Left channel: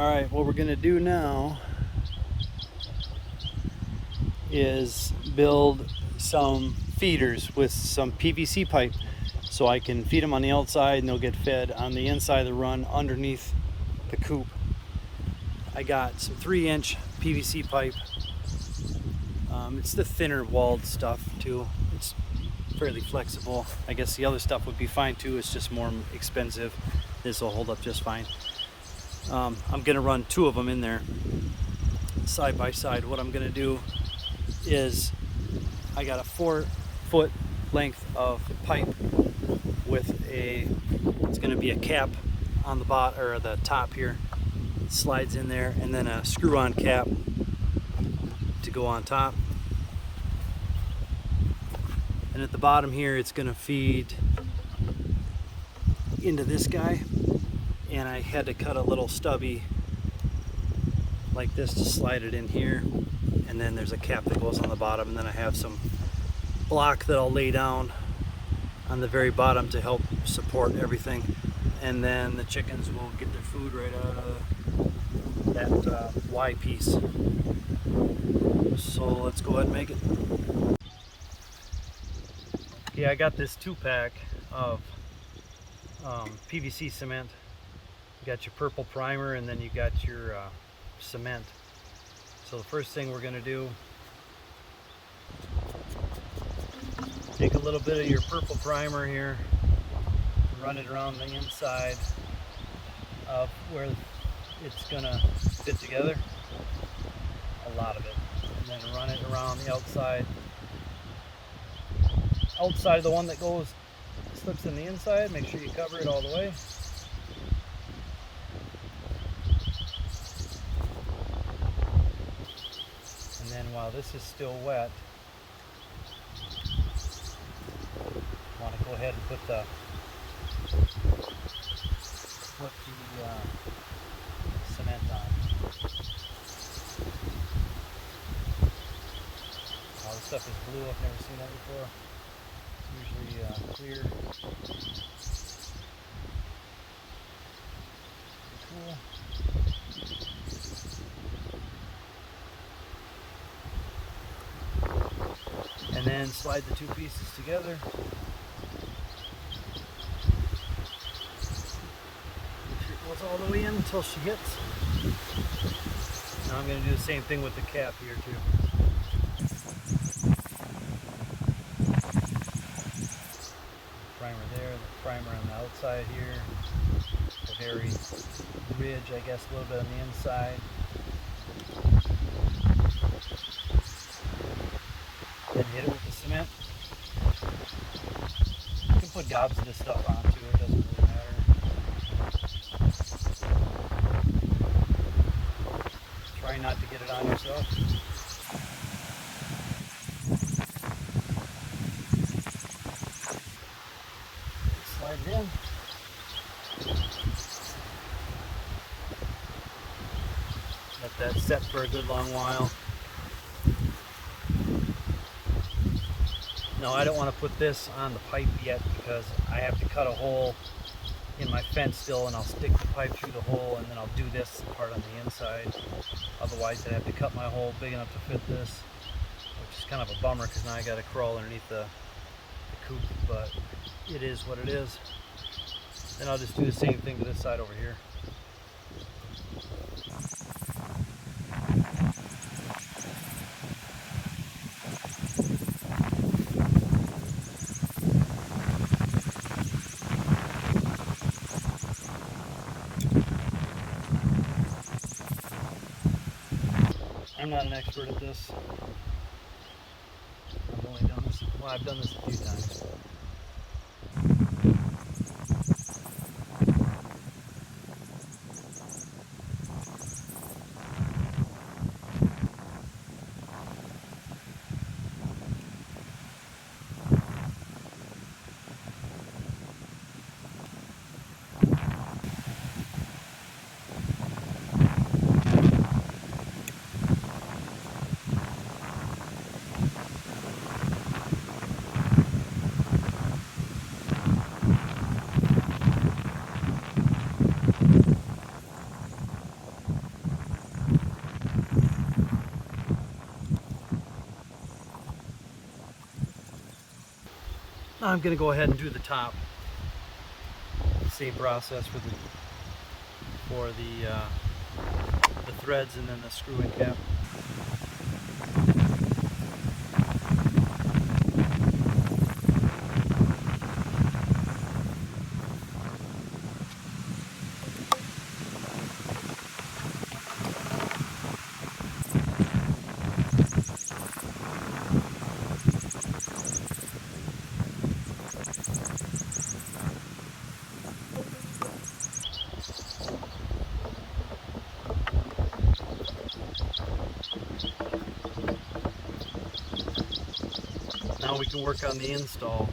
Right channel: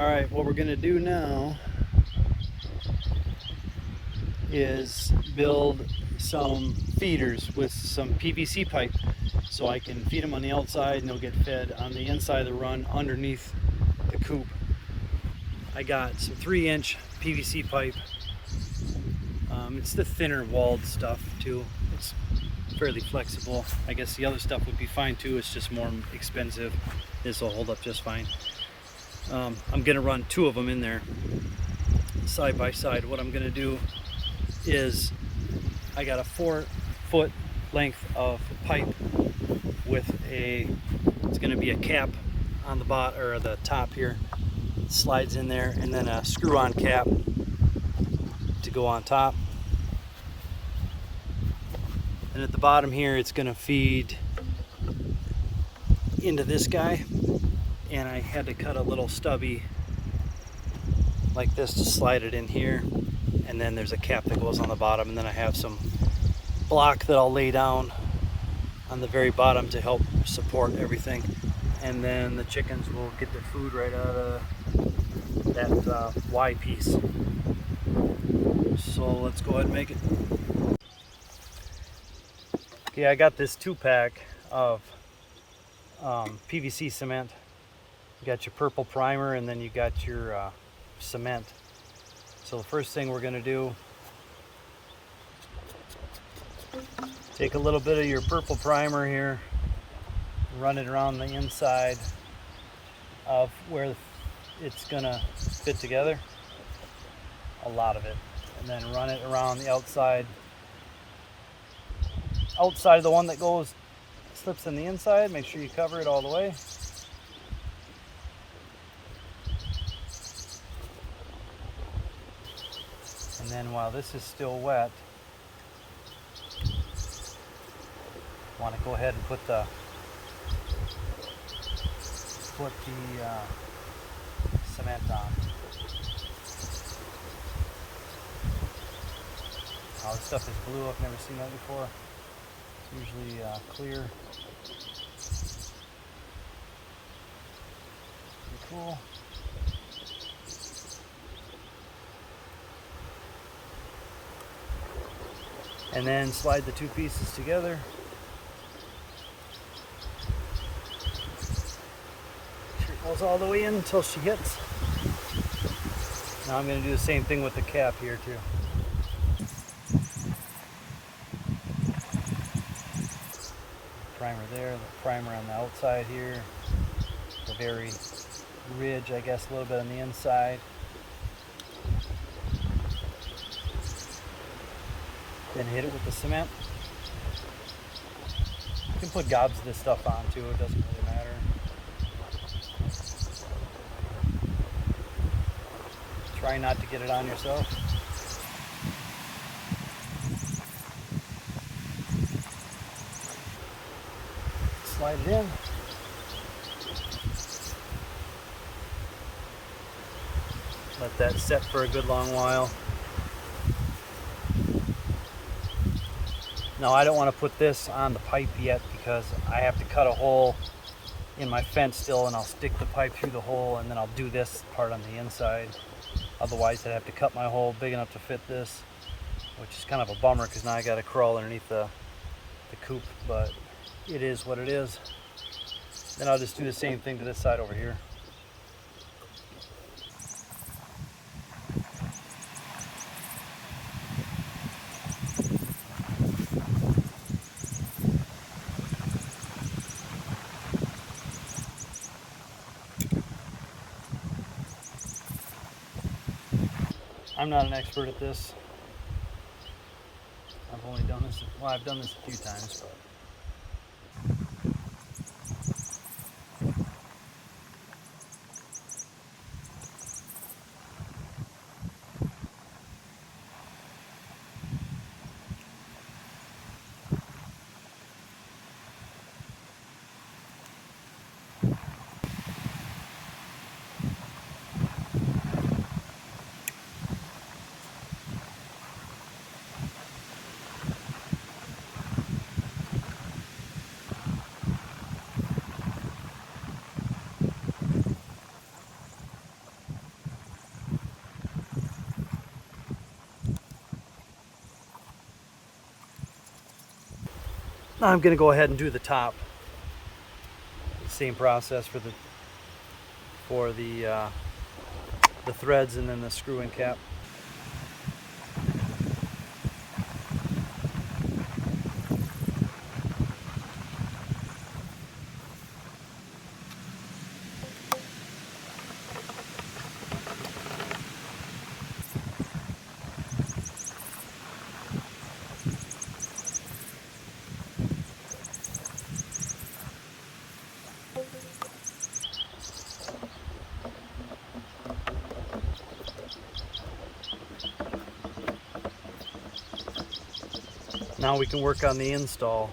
Alright, what we're going to do now is build some feeders with some PVC pipe so I can feed them on the outside and they'll get fed on the inside of the run underneath the coop. I got some 3-inch PVC pipe. It's the thinner walled stuff too. It's fairly flexible. I guess the other stuff would be fine too. It's just more expensive. This will hold up just fine. I'm gonna run 2 of them in there side by side. What I'm gonna do is I got a 4-foot length of pipe with it's gonna be a cap on the bottom or the top here. It slides in there, and then a screw-on cap to go on top. And at the bottom here, it's gonna feed into this guy. And I had to cut a little stubby like this to slide it in here. And then there's a cap that goes on the bottom, and then I have some block that I'll lay down on the very bottom to help support everything. And then the chickens will get their food right out of that Y piece. So let's go ahead and make it. Okay, I got this 2-pack of PVC cement. You got your purple primer, and then you got your cement. So the first thing we're going to do, take a little bit of your purple primer here, run it around the inside of where it's going to fit together, a lot of it, and then run it around the outside of the one that slips in the inside. Make sure you cover it all the way. And then while this is still wet, I want to go ahead and put the cement on. Oh, this stuff is blue. I've never seen that before. Usually clear. Pretty cool. And then slide the 2 pieces together. Make sure it goes all the way in until she hits. Now I'm going to do the same thing with the cap here too. Primer there, the primer on the outside here, the very ridge, I guess, a little bit on the inside. Then hit it with the cement. You can put gobs of this stuff on too, it doesn't really matter. Try not to get it on yourself. Slide it in. Let that set for a good long while. Now I don't want to put this on the pipe yet because I have to cut a hole in my fence still, and I'll stick the pipe through the hole, and then I'll do this part on the inside. Otherwise I'd have to cut my hole big enough to fit this, which is kind of a bummer because now I got to crawl underneath the coop, but it is what it is. Then I'll just do the same thing to this side over here. I'm not an expert at this. I've only done this, well, I've done this a few times, but Now I'm going to go ahead and do the top. Same process for the threads and then the screw-in cap. Now we can work on the install.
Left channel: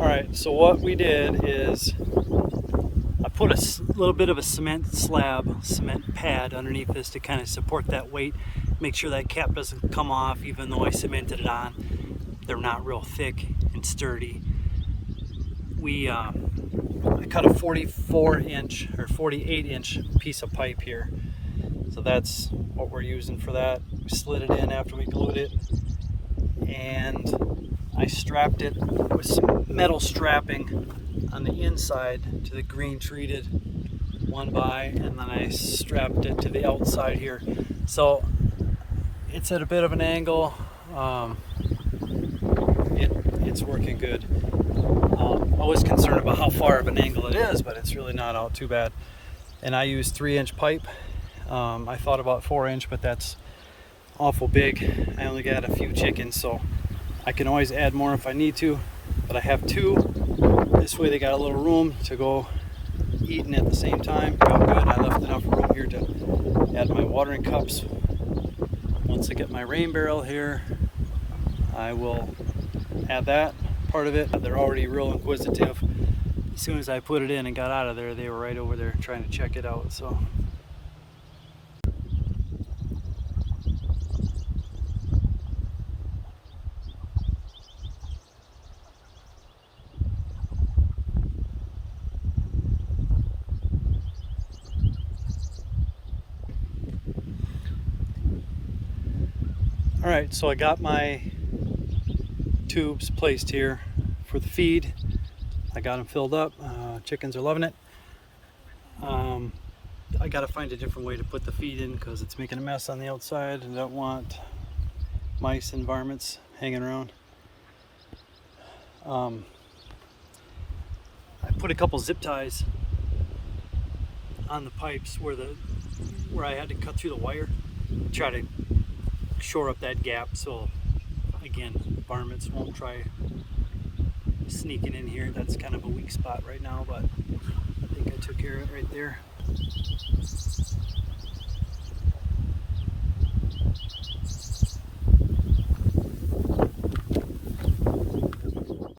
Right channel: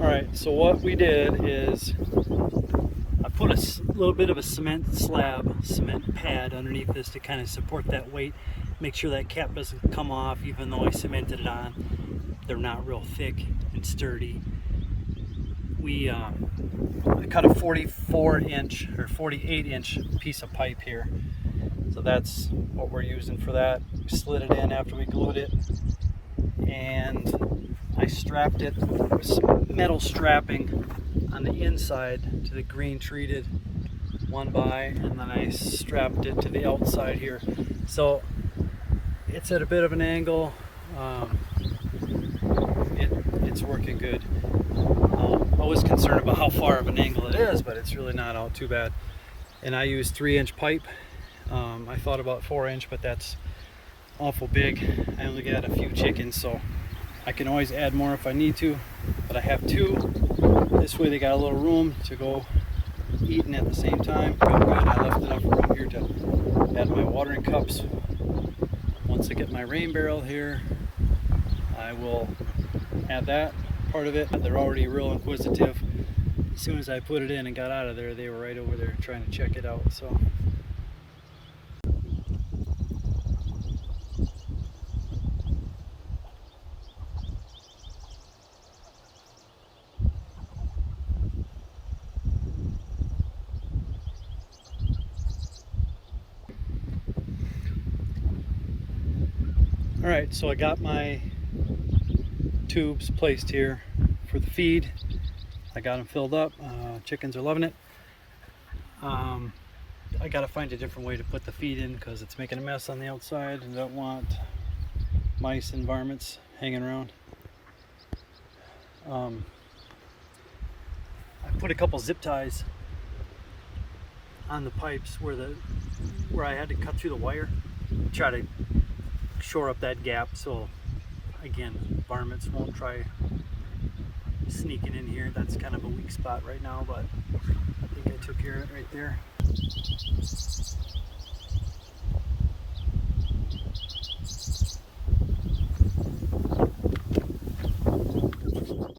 Alright, so what we did is I put a little bit of a cement pad underneath this to kind of support that weight, make sure that cap doesn't come off even though I cemented it on. They're not real thick and sturdy. I cut a 44-inch or 48-inch piece of pipe here. So that's what we're using for that. We slid it in after we glued it, and I strapped it with some metal strapping on the inside to the green treated 1x, and then I strapped it to the outside here. So it's at a bit of an angle. It's working good. I was concerned about how far of an angle it is, but it's really not out too bad. And I used 3-inch pipe. I thought about 4-inch, but that's awful big. I only got a few chickens, so I can always add more if I need to, but I have 2. This way they got a little room to go eating at the same time. Felt good. I left enough room here to add my watering cups. Once I get my rain barrel here, I will add that part of it. They're already real inquisitive. As soon as I put it in and got out of there, they were right over there trying to check it out. So all right, so I got my tubes placed here for the feed. I got them filled up. Chickens are loving it. I got to find a different way to put the feed in because it's making a mess on the outside, and I don't want mice and varmints hanging around. I put a couple zip ties on the pipes where I had to cut through the wire, try to shore up that gap so again varmints won't try sneaking in here. That's kind of a weak spot right now, but I think I took care of it right there.